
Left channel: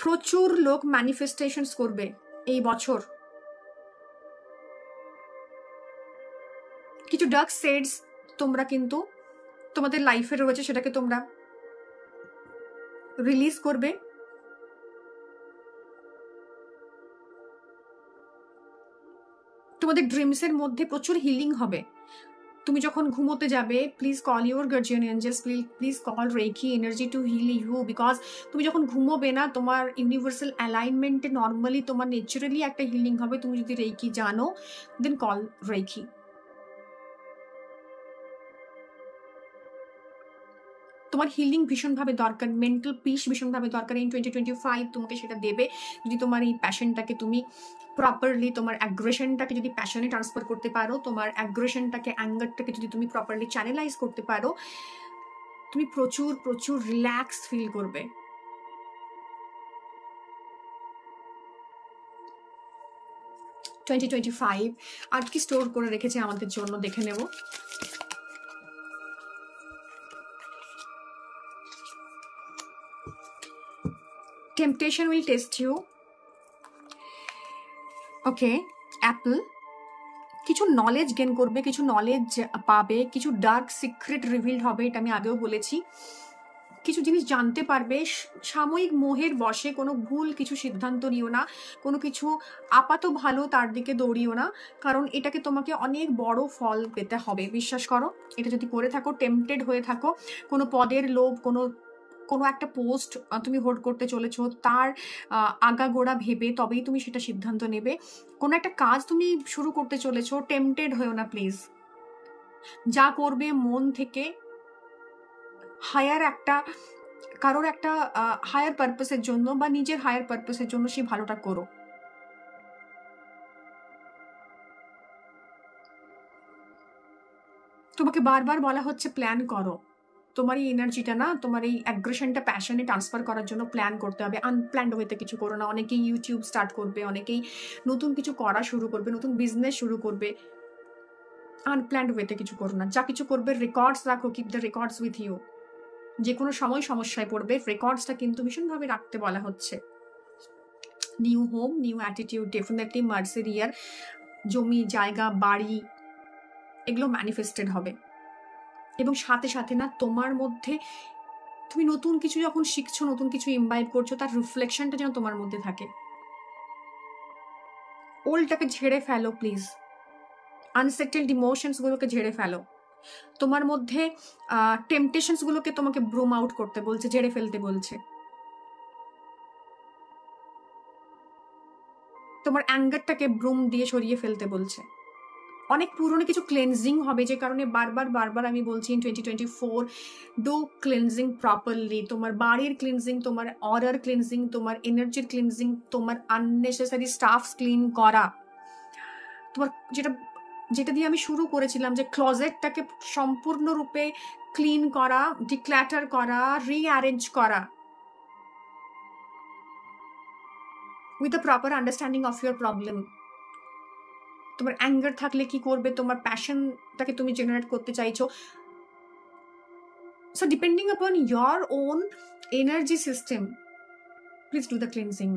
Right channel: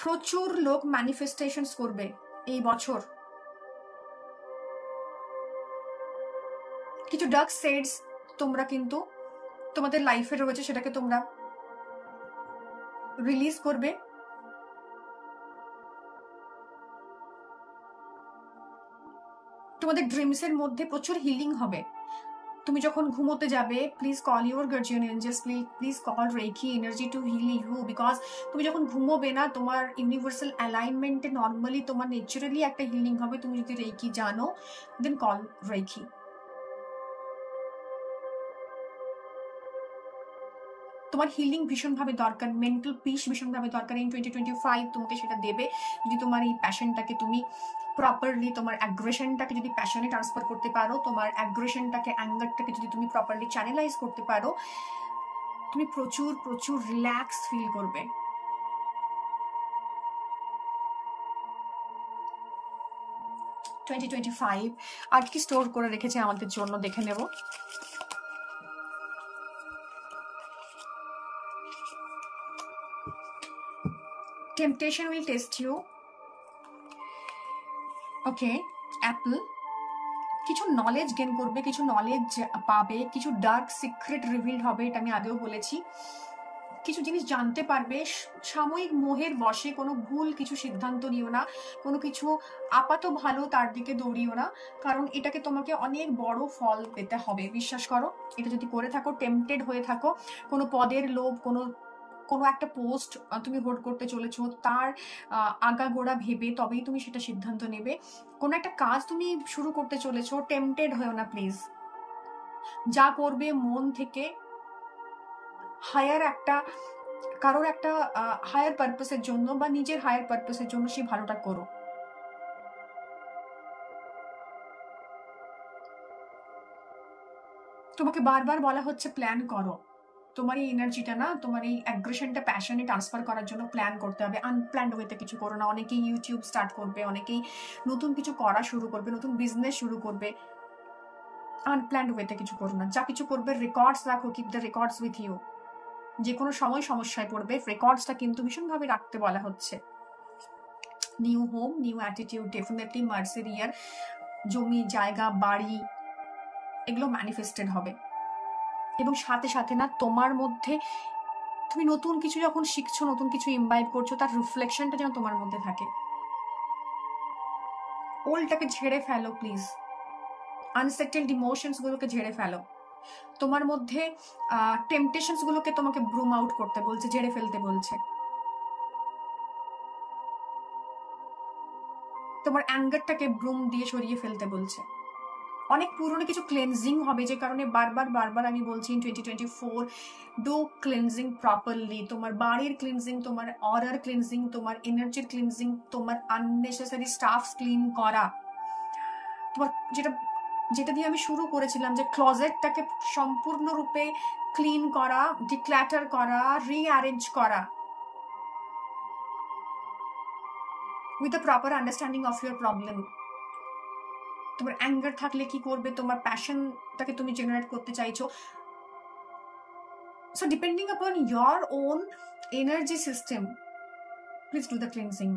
প্রচুর লোক ম্যানিফেস্টেশনস করবে এই বছর। কিছু ডার্ক শেডস তোমরা কিন্তু তোমাদের লাইফে রয়েছে, সেটাকে তোমরা রিলিজ করবে। তোমাদের ড্রিমসের মধ্যে প্রচুর হিলিং হবে। তুমি যখন ঘুমোতে যাবে, please call your guardian angels, please call reiki energy to heal you, because তুমি যখন ঘুমোবে না, তোমার ইউনিভার্সাল অ্যালাইনমেন্টে নর্মালি তোমার ন্যাচারালি একটা হিলিং হবে। তুমি যদি রেকি জানো, দেন কল রেকি। তোমার হিলিং ভীষণভাবে দরকার, মেন্টাল পিস ভীষণভাবে দরকার। এই 2025 তোমাকে সেটা দেবে যদি তোমার এই প্যাশনটাকে তুমি প্রপারলি, তোমার অ্যাগ্রেশনটাকে যদি প্যাশনে ট্রান্সফার করতে পারো, তোমার অ্যাগ্রেশনটাকে, অ্যাঙ্গারটাকে যদি তুমি প্রপারলি চ্যানেলাইজ করতে পারো, তুমি প্রচুর প্রচুর রিল্যাক্স ফিল করবে। 2025 আর কি স্টোর করে রেখেছে আমাদের জন্য দেখে নেব। Temptation will test you. Okay, Apple কিছু নলেজ গেন করবে, কিছু নলেজ পাবে, কিছু ডার্ক সিক্রেট রিভিল হবে, এটা আমি আগেও বলেছি। কিছু জিনিস জানতে পারবে। সাময়িক মোহের বশে কোনো ভুল কিছু সিদ্ধান্ত নিও না, কোনো কিছু আপাত ভালো তার দিকে দৌড়িও না, কারণ এটাকে তোমাকে অনেক বড় ফল পেতে হবে, বিশ্বাস করো। এটা যদি করে থাকো, টেম্পটেড হয়ে থাকো, কোনো পদের লোভ, কোনো একটা পোস্ট তুমি হোল্ড করতে চলেছো, তার আগাগোড়া ভেবে তবেই তুমি সেটা সিদ্ধান্ত নেবে। কোনো একটা কাজ তুমি শুরু করতে চলেছো, টেম্পটেড হয়েও না প্লিজ। যা করবে মন থেকে, কারোর একটা হায়ার পারপাসের জন্য বা নিজের হায়ার পারপাসের জন্য সেই ভালোটা করো। তোমাকে বারবার বলা হচ্ছে প্ল্যান করো। তোমার এই এনার্জিটা না, তোমার এই অ্যাগ্রেশনটা প্যাশনে ট্রান্সফার করার জন্য প্ল্যান করতে হবে। আনপ্ল্যান্ড ওয়েতে কিছু করো না। অনেকেই ইউটিউব স্টার্ট করবে, অনেকেই নতুন কিছু করা শুরু করবে, নতুন বিজনেস শুরু করবে। আনপ্ল্যান্ড ওয়েতে কিছু করো না। যা কিছু করবে রেকর্ডস রাখো, keep the records with you. যে কোনো সময় সমস্যায় পড়বে, রেকর্ডসটা কিন্তু ভীষণভাবে রাখতে বলা হচ্ছে। New home, new attitude, definitely মার্সের ইয়ার, জমি জায়গা বাড়ি এগুলো ম্যানিফেস্টেড হবে। এবং সাথে সাথে না, তোমার মধ্যে তুমি নতুন কিছু যখন শিখছো, নতুন কিছু ইমবাইব করছো, তার রিফ্লেকশনটা যেন তোমার মধ্যে থাকে। ওল্ডটাকে ঝেড়ে ফেলো প্লিজ। আনসেটেলড ইমোশনস গুলোকে ঝেড়ে ফেলো। তোমার মধ্যে টেম্পটেশনস গুলোকে তোমাকে ব্রুম আউট করতে বলছে, ঝেড়ে ফেলতে বলছে। তোমার অ্যাঙ্গারটাকে ব্রুম দিয়ে সরিয়ে ফেলতে বলছে। অনেক পুরনো কিছু ক্লেনজিং হবে, যে কারণে বারবার আমি বলছি ইন 2024 ডু ক্লেনজিং প্রপারলি। তোমার বাড়ির ক্লিনজিং, তোমার অরার ক্লিনজিং, তোমার এনার্জির ক্লিনজিং, তোমার আননেসেসারি স্টাফস ক্লিন করা, তোমার যেটা দিয়ে আমি শুরু করেছিলাম, যে ক্লজেটটাকে সম্পূর্ণরূপে ক্লিন করা, ডিক্ল্যাটার করা, রিঅ্যারেঞ্জ করা with the proper understanding of your problem. তোমার অ্যাঙ্গার থাকলে কি করবে, তোমার প্যাশনটাকে তুমি জেনারেট করতে চাইছো। সো ডিপেন্ডিং আপন your own energy system, please do the cleansing.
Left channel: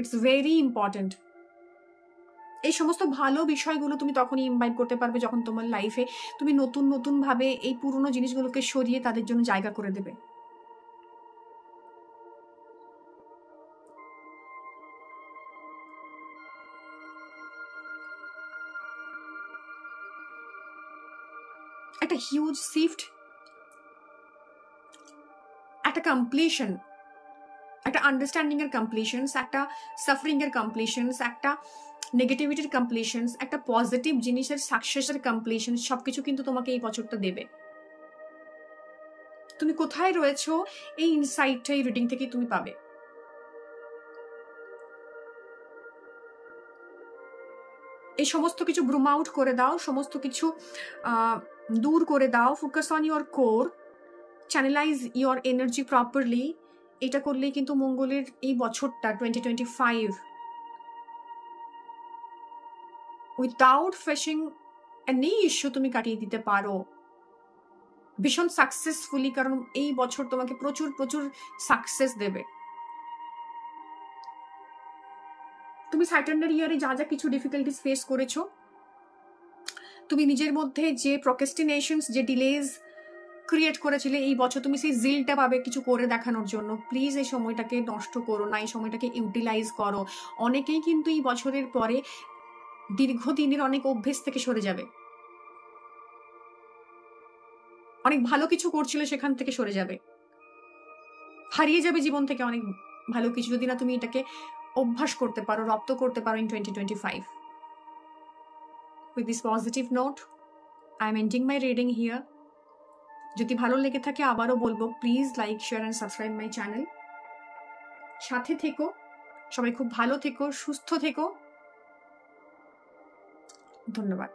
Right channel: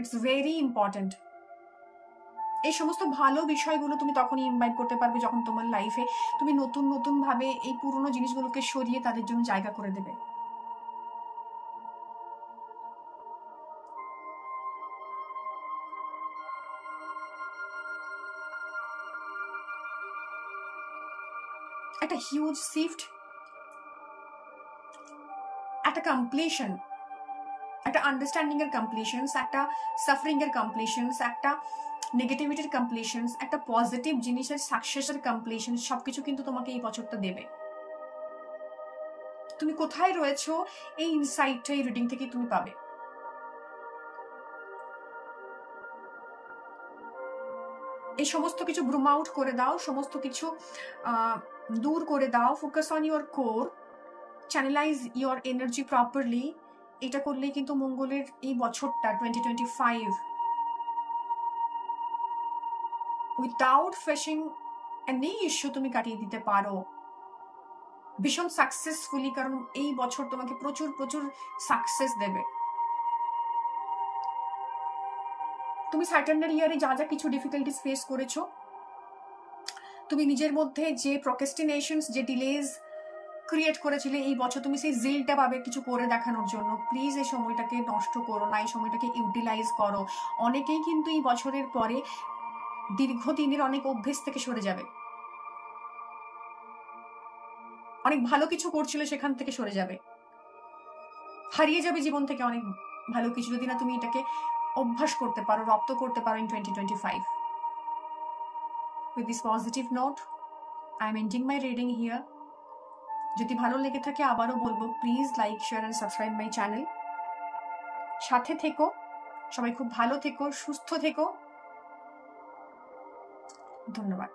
It's very important. এই সমস্ত ভালো বিষয়গুলো তুমি তখনই ইনভাইট করতে পারবে যখন তোমার লাইফে তুমি নতুন ভাবে এই পুরনো জিনিসগুলোকে সরিয়ে তাদের জন্য জায়গা করে দেবে। একটা হিউজ শিফট, একটা কমপ্লিশন, একটা আন্ডারস্ট্যান্ডিং এর কমপ্লিশনস, একটা সাফারিং এর কমপ্লিশনস, একটা নেগেটিভিটির কমপ্লিশনস, একটা পজিটিভ জিনিসের সাকসেসের কমপ্লিশন, সবকিছু কিন্তু তোমাকে এই বছরটা দেবে। তুমি কোথায় রয়েছো এই ইনসাইটটা এই রিডিং থেকে তুমি পাবে। এই সমস্ত কিছু ব্রুম আউট করে দাও, সমস্ত কিছু দূর করে দাও। Focus on your core, channelise your energy properly. এটা করলেই কিন্তু মঙ্গলের এই বছরটা 2025 উইদাউট ফেসিং এনি ইস্যু তুমি কাটিয়ে দিতে পারো ভীষণ সাকসেসফুলি, কারণ এই বছর তোমাকে প্রচুর সাকসেস দেবে। তুমি স্যাটার্নের ইয়ারে যা যা কিছু ডিফিকাল্টিস ফেস করেছো, তুমি নিজের মধ্যে যে প্রোক্রাস্টিনেশনস, যে ডিলেজ ক্রিয়েট করেছিলে, এই বছর তুমি সেই জিলটা পাবে কিছু করে দেখানোর জন্য। প্লিজ এই সময়টাকে নষ্ট করো না, এই সময়টাকে ইউটিলাইজ করো। অনেকেই কিন্তু এই বছরের পরে দীর্ঘদিনের অনেক অভ্যেস থেকে সরে যাবে, অনেক ভালো কিছু করছিল সেখান থেকে সরে যাবে, হারিয়ে যাবে জীবন থেকে অনেক ভালো কিছু, যদি না তুমি এটাকে অভ্যাস করতে পারো, রপ্ত করতে পারো in 2025। With this positive note, I am ending my reading here. যদি ভালো লেগে থাকে আবারও বলবো, please like, share and subscribe my channel. সাথে থেকো, সবাই খুব ভালো থেকো, সুস্থ থেকো। ধন্যবাদ।